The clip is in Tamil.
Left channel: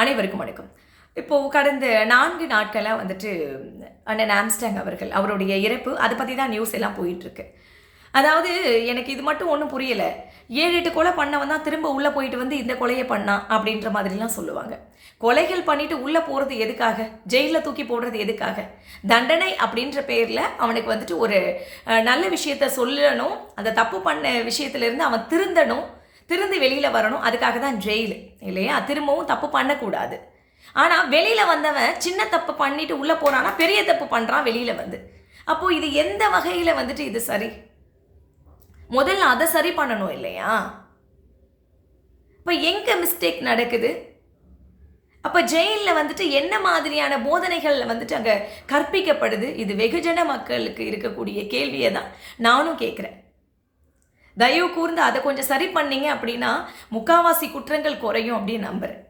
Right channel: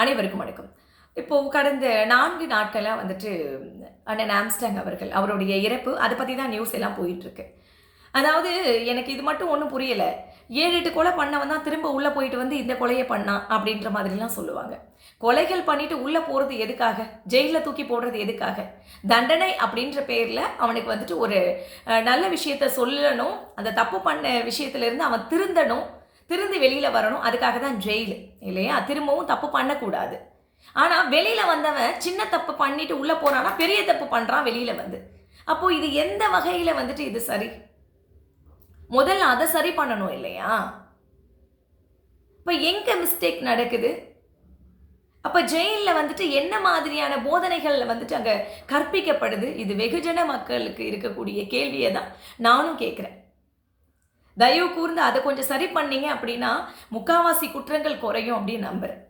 அனைவருக்கும் வணக்கம். இப்போது கடந்த நான்கு நாட்களாக வந்துட்டு அண்ணன் ஆம்ஸ்டாங் அவர்கள் அவருடைய இறப்பு அதை பற்றி தான் நியூஸ் எல்லாம் போயிட்டுருக்கு. அதாவது எனக்கு இது மட்டும் ஒன்றும் புரியலை. ஏழு எட்டு கொலை பண்ணவன் தான் திரும்ப உள்ளே போயிட்டு வந்து இந்த கொலையை பண்ணான் அப்படின்ற மாதிரிலாம் சொல்லுவாங்க. கொலைகள் பண்ணிட்டு உள்ளே போகிறது எதுக்காக? ஜெயிலில் தூக்கி போடுறது எதுக்காக? தண்டனை அப்படின்ற பேரில் அவனுக்கு வந்துட்டு ஒரு நல்ல விஷயத்த சொல்லணும் அந்த தப்பு பண்ண விஷயத்துலேருந்து அவன் திருந்தணும் திருந்து வெளியில் வரணும். அதுக்காக தான் ஜெயில் இல்லையா? திரும்பவும் தப்பு பண்ணக்கூடாது. ஆனால் வெளியில் வந்தவன் சின்ன தப்பு பண்ணிட்டு உள்ளே போகிறான்னா பெரிய தப்பு பண்ணுறான் வெளியில் வந்து. அப்போது இது எந்த வகையில் வந்துட்டு இது சரி? முதல்ல அதை சரி பண்ணணும் இல்லையா? இப்போ எங்கே மிஸ்டேக் நடக்குது? அப்போ ஜெயிலில் வந்துட்டு என்ன மாதிரியான போதனைகள் வந்துட்டு அங்கே கற்பிக்கப்படுது? இது வெகுஜன மக்களுக்கு இருக்கக்கூடிய கேள்வியை தான் நானும் கேட்குறேன் தயவு கூர்ந்து அதை கொஞ்சம் சரி பண்ணீங்க அப்படின்னா முக்காவாசி குற்றங்கள் குறையும் அப்படின்னு நம்புகிறேன்